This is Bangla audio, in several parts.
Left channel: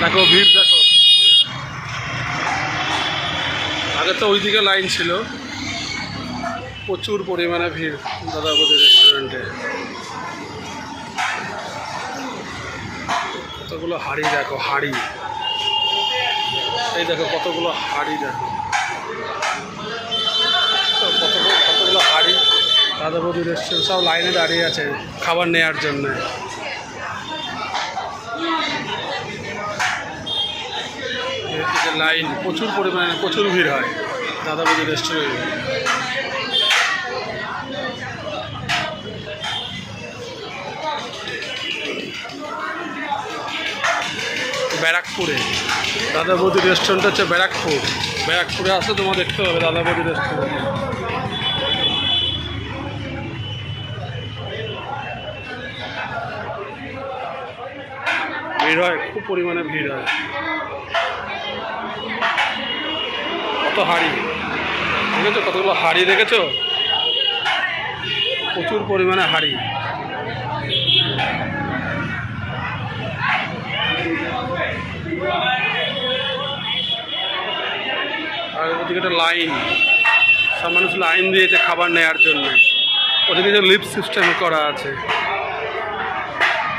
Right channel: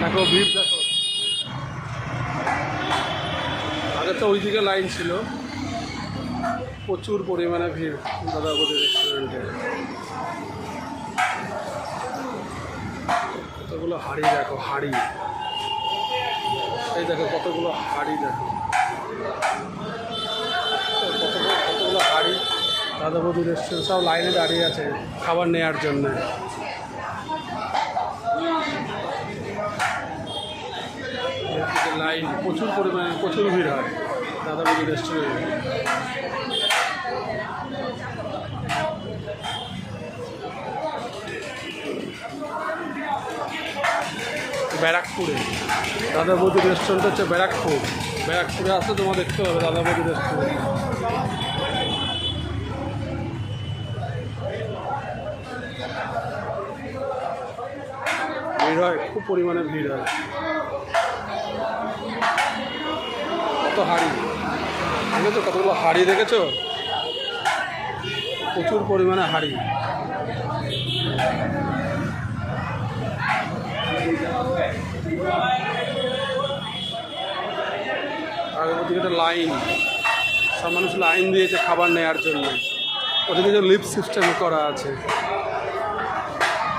দেখো ভিড় দেখো। আগে তো ওইদিকে লাইন ছিল, প্রচুর পরিমাণে ভিড় দাদা বৌদি রেস্টুরেন্টে। কতগুলো হাঁড়ি দেখো, হাঁড়ি, এই দেখো কতগুলো হাঁড়ি দেখো, কতগুলো হাঁড়ি। দাদা বৌদি রেস্টুরেন্ট সব লাইনে দাঁড়িয়ে আছে খাবার নেওয়ার জন্যে। লাইন প্রচুর পরিমাণে, প্রচুর ভিড় হয় দাদা বৌদি রেস্টুরেন্টে। ব্যারাকপুরে দাদা বৌদি রেস্টুরেন্ট হচ্ছে ব্যারাকপুর। ব্যারাকপুরে আসলে তোমার দেখতে হবে দাদা বৌদি রেস্টুরেন্ট। ভিড় হয়, খুব পরিমাণে ভিড় হয়। কত হাঁড়ি দেখেছো, কতগুলো হাঁড়ি দেখেছো, প্রচুর পরিমাণে হাঁড়ি। আর ওদিকে একটা লাইন, সব মানুষ লাইন দিয়েছে খাবার নেওয়ার জন্য। ওদিকে যে লিফট সিস্টেম করা আছে,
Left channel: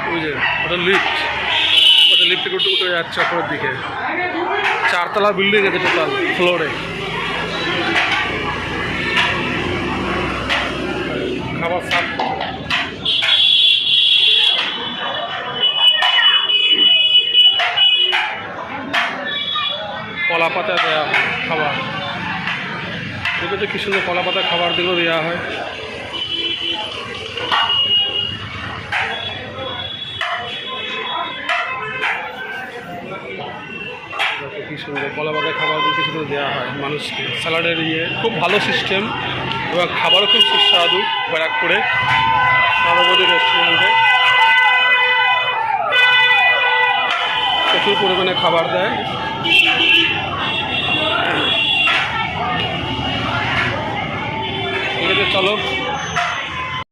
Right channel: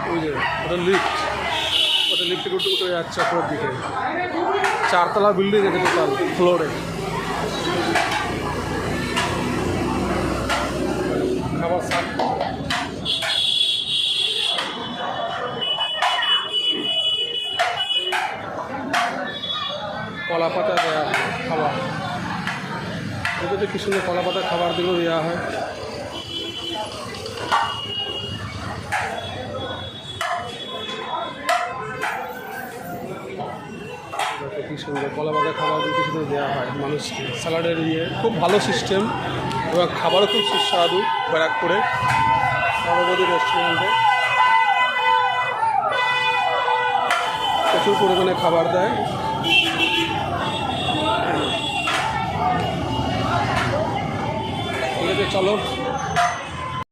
ওই যে ওটা লিফট, ওটা লিফটে উঠে যাচ্ছে ওপরের দিকে। 4 তলা বিল্ডিং আছে টোটাল ফ্লোরে। খাবার সার্ভ কলা পাতা দেওয়া হয় খাবার, দেখেছো কি সুন্দর কলা পাতা খাবার দিকেও দেওয়া হয়। দেখো কি সুন্দর কলা পাতা খাবার কি সুন্দর দেওয়া হয় মানুষকে, স্যালাডের ইয়ে, খুব ভালো সিস্টেম এবং খাবারও খুব সুস্বাদু। ব্যারাকপুরে দাদা বৌদি রেস্টুরেন্টে প্রচুর পরিমাণে খাবার দেয়।